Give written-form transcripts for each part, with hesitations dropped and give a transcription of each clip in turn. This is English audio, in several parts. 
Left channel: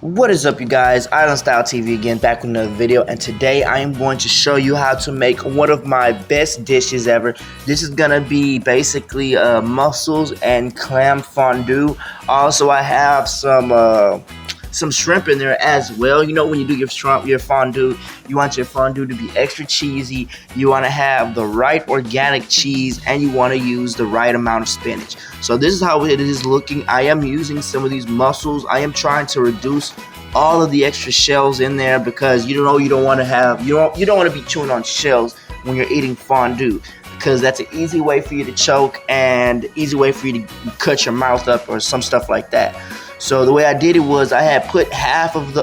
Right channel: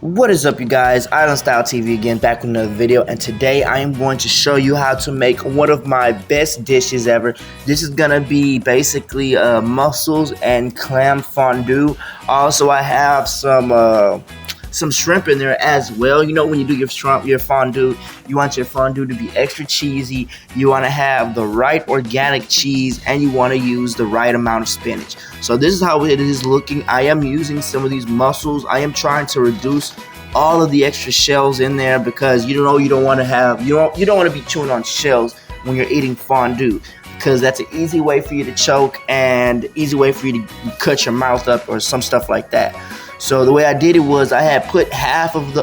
What is up, you guys? Island Style TV again, back with another video, and today I am going to show you how to make one of my best dishes ever. This is gonna be basically mussels and clam fondue. Also, I have some shrimp in there as well. You know, when you do your fondue, you want your fondue to be extra cheesy. You want to have the right organic cheese, and you want to use the right amount of spinach. So this is how it is looking. I am using some of these mussels. I am trying to reduce all of the extra shells in there because you don't want to be chewing on shells when you're eating fondue, because that's an easy way for you to choke and easy way for you to cut your mouth up or some stuff like that. So the way I did it was I had put half of the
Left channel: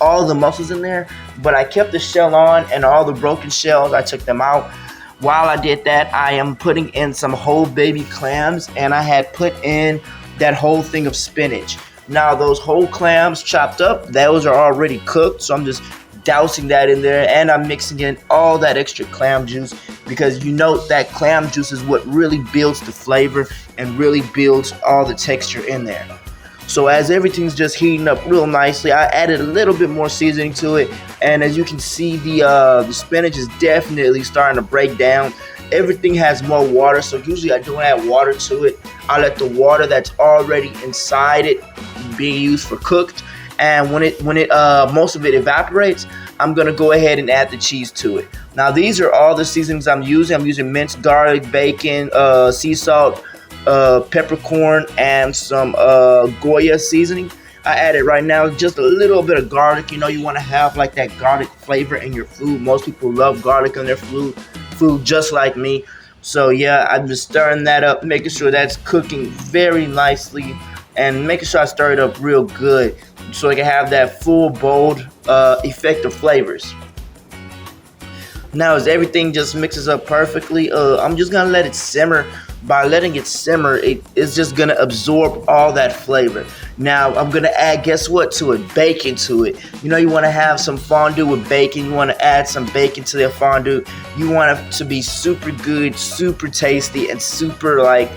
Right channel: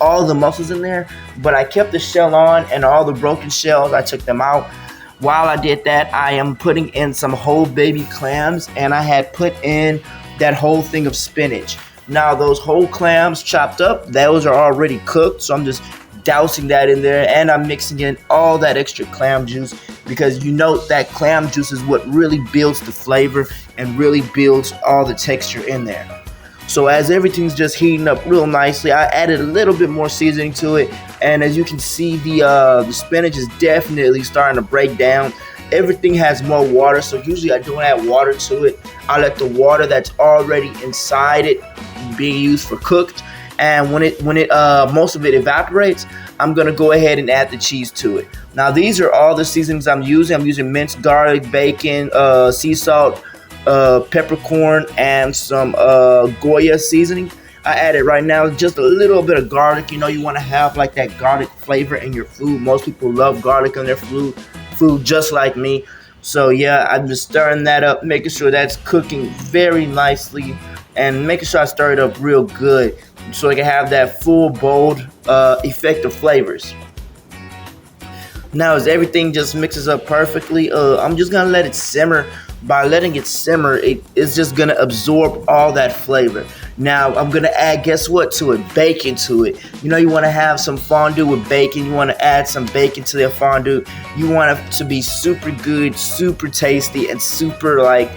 all the mussels in there, but I kept the shell on, and all the broken shells I took them out. While I did that, I am putting in some whole baby clams, and I had put in that whole thing of spinach. Now those whole clams chopped up, those are already cooked, so I'm just dousing that in there, and I'm mixing in all that extra clam juice, because you know that clam juice is what really builds the flavor and really builds all the texture in there. So as everything's just heating up real nicely, I added a little bit more seasoning to it, and as you can see, the spinach is definitely starting to break down. Everything has more water, so usually I don't add water to it. I let the water that's already inside it be used for cooked, and when most of it evaporates, I'm gonna go ahead and add the cheese to it. Now these are all the seasonings I'm using. I'm using minced garlic, bacon, sea salt, peppercorn, and some Goya seasoning. I added right now just a little bit of garlic. You know, you want to have like that garlic flavor in your food. Most people love garlic in their food just like me. So yeah, I'm just stirring that up, making sure that's cooking very nicely, and making sure I stir it up real good so I can have that full, bold effect of flavors. Now as everything just mixes up perfectly, I'm just gonna let it simmer. By letting it simmer, it is just gonna absorb all that flavor. Now I'm gonna add, guess what, to it? Bacon to it. You know, you wanna have some fondue with bacon. You wanna add some bacon to their fondue. You want it to be super good, super tasty, and super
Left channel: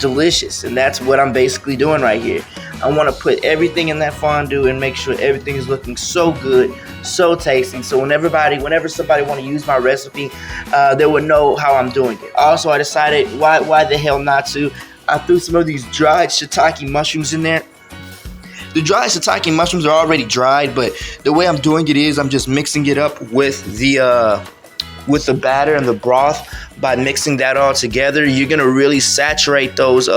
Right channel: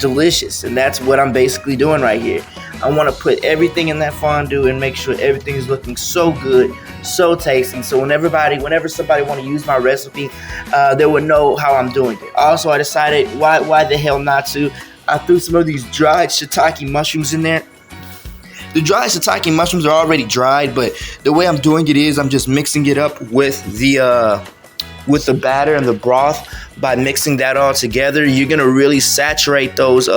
delicious. And that's what I'm basically doing right here. I want to put everything in that fondue and make sure everything is looking so good, so tasty. So whenever somebody want to use my recipe, they would know how I'm doing it. Also, I decided why the hell not to. I threw some of these dried shiitake mushrooms in there. The dried shiitake mushrooms are already dried, but the way I'm doing it is I'm just mixing it up with the batter and the broth. By mixing that all together, you're gonna really saturate those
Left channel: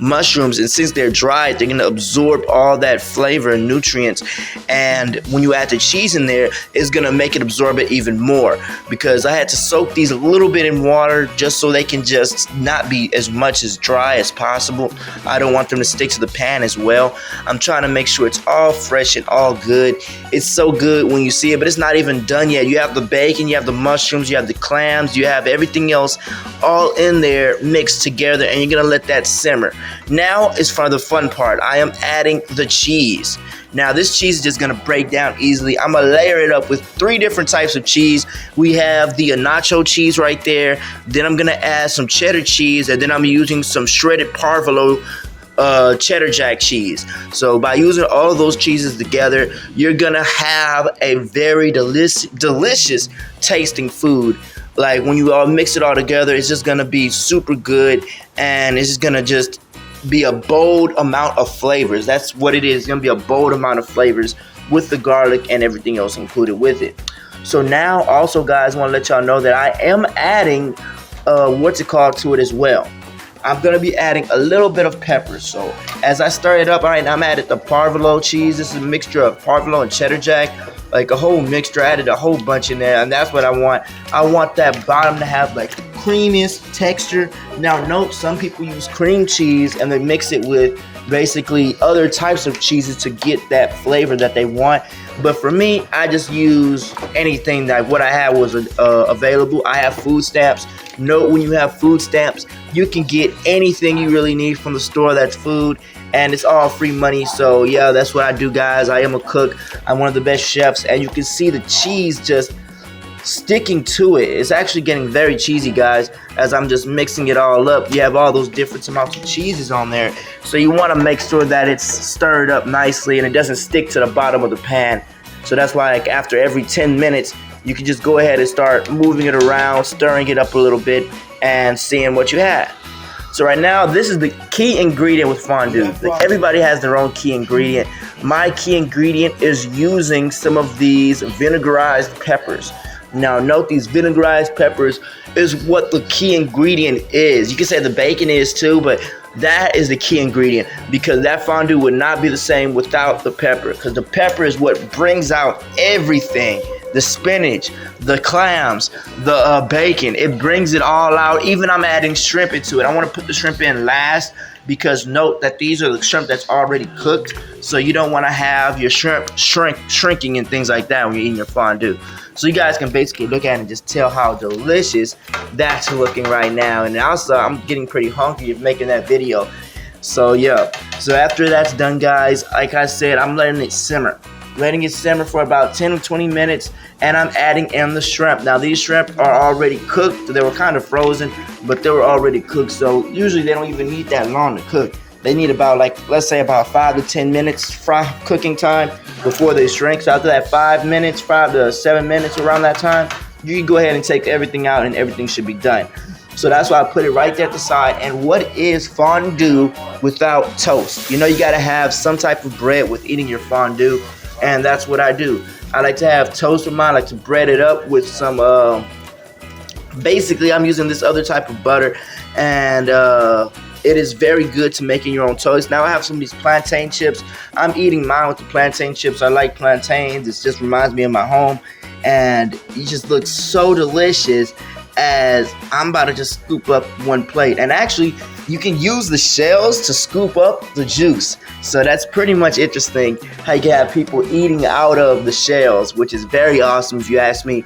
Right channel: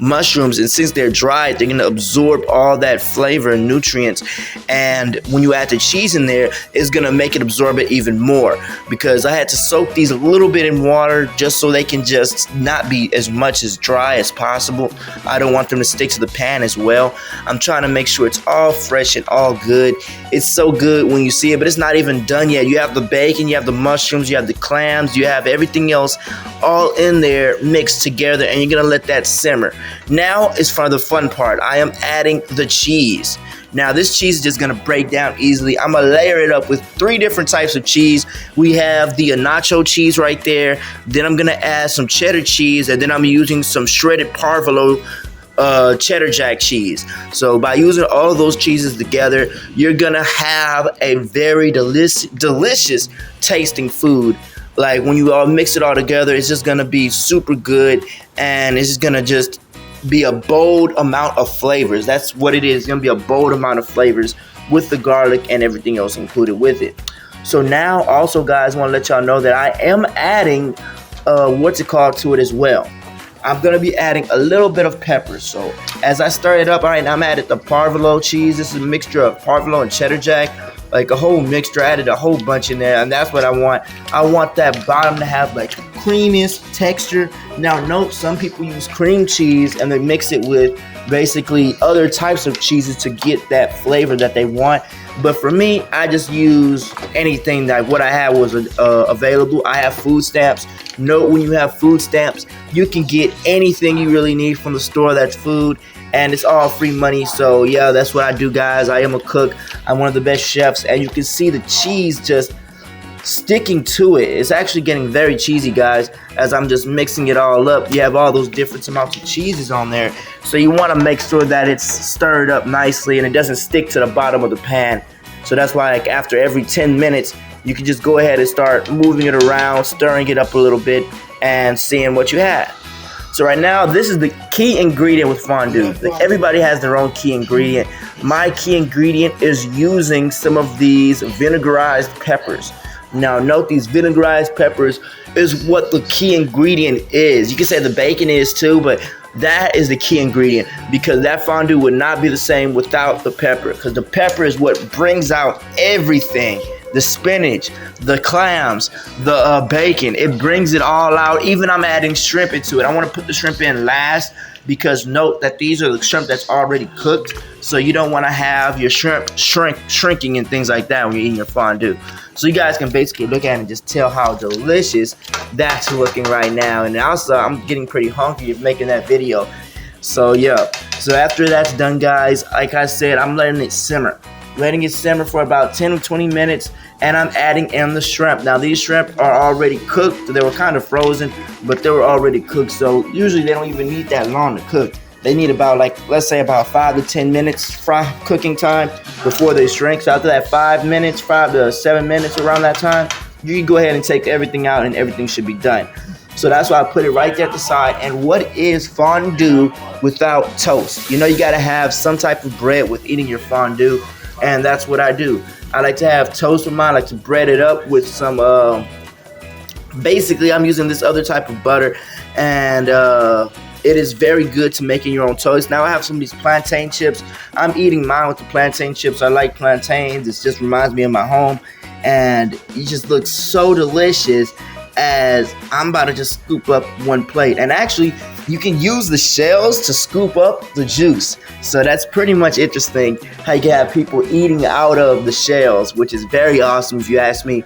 mushrooms, and since they're dried, they're gonna absorb all that flavor and nutrients. And when you add the cheese in there, it's gonna make it absorb it even more, because I had to soak these a little bit in water just so they can just not be as much as dry as possible. I don't want them to stick to the pan as well. I'm trying to make sure it's all fresh and all good. It's so good when you see it, but it's not even done yet. You have the bacon, you have the mushrooms, you have the clams, you have everything else all in there mixed together, and you're gonna let that simmer. Now is for the fun part. I am adding the cheese. Now this cheese is just gonna break down easily. I'm gonna layer it up with 3 different types of cheese. We have the nacho cheese right there. Then I'm gonna add some cheddar cheese, and then I'm using some shredded parvolo cheddar jack cheese. So by using all those cheeses together, you're gonna have a very delicious tasting food. Like when you all mix it all together, it's just gonna be super good, and it's just gonna just be a bold amount of flavors. That's what it is. It's gonna be a bold amount of flavors with the garlic and everything else included with it. So now, also, guys, I want to let y'all know that I am adding to it as well. I'm gonna be adding a little bit of pepper. So as I stir it up, all right, I'm adding the parvolo cheese. This is a mixture of parvolo and cheddar jack, like a whole mixture. I added a whole bunch in there, and that's what I want. I want that bottom to have like the creamiest texture. Now note, some people use cream cheese and they mix it with basically other types of cheeses to get that flavor that they want. But for me, I just use anything that what I had was available. I have food stamps. Note, when you have food stamps, you can get anything you really need from the store that's food, and it's all free money. So yeah, that's what I do, guys. I am a cook. I'm one of the best chefs, and you can see the cheese just sticking to it. It's actually getting very cheesy, guys, as I'm just mixing it all up. You have all those different amounts of cheeses on there, So you want to make sure that it's stirred up nicely and it doesn't stick to the bottom of the pan. So that's why, like, after every 10 minutes, you can just go ahead and start moving it around, stirring it up a little bit, and seeing what you have. So right now, this is the key ingredient with fondue. Everybody has their own key ingredient. My key ingredient is using some of these vinegarized peppers. Now note, these vinegarized peppers is what the key ingredient is. You can say the bacon is too, but that is the key ingredient, because that fondue would not be the same without the pepper, because the pepper is what brings out everything. The spinach, the clams, the bacon, it brings it all out. Even I'm adding shrimp into it. I want to put the shrimp in last, because note that these are the shrimp that's already cooked, so you don't want to have your shrimp shrinking and things like that when you're eating your fondue. So you guys can basically look at it and just tell how delicious that's looking right now. And also, I'm getting pretty hungry of making that video. So yeah, so after that's done, guys, like I said, I'm letting it simmer. Letting it simmer for about 10 or 20 minutes, and I'm adding in the shrimp. Now these shrimp are already cooked. They were kind of frozen, but they were already cooked, so usually they don't even need that long to cook. They need about, like, let's say about 5 to 10 minutes cooking time before they shrink. So after that 5 to 7 minutes, around that time, you can go ahead and take everything out and everything should be done. So that's why I put it right there at the side. And what is fondue without toast? You know, you gotta have some type of bread with eating your fondue, and that's what I do. I like to have toast with mine. I like to bread it up with some, basically I'm using this other type of butter, and it is very good to making your own toast. Now I have some of these plantain chips. I'm eating mine with the plantain chips. I like plantains. It just reminds me of my home, and it just looks so delicious. As I'm about to just scoop up one plate. And actually, you can use the shells to scoop up the juice. So that's pretty much interesting how you can have people eating out of the shells, which is very awesome if you ask me.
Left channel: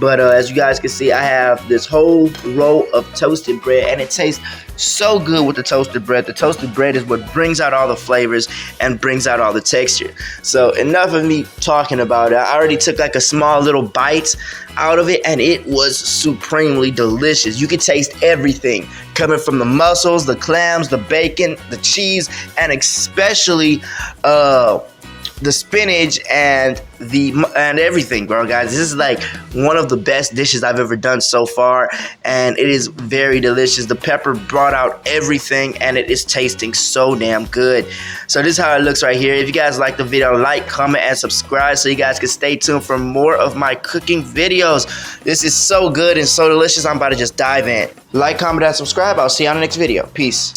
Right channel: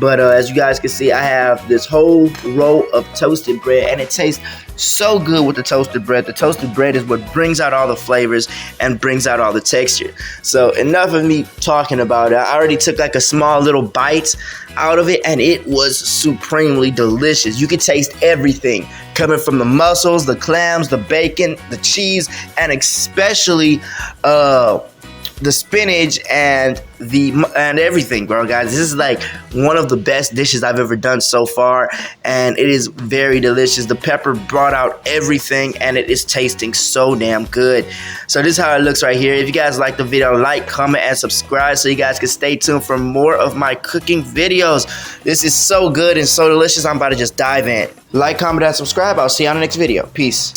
But as you guys can see, I have this whole row of toasted bread, and it tastes so good with the toasted bread. The toasted bread is what brings out all the flavors and brings out all the texture. So enough of me talking about it. I already took like a small little bite out of it, and it was supremely delicious. You could taste everything coming from the mussels, the clams, the bacon, the cheese, and especially the spinach and everything, bro, guys. This is like one of the best dishes I've ever done so far, and it is very delicious. The pepper brought out everything, and it is tasting so damn good. So this is how it looks right here. If you guys like the video, like, comment, and subscribe so you guys can stay tuned for more of my cooking videos. This is so good and so delicious. I'm about to just dive in. Like, comment, and subscribe. I'll see you on the next video. Peace.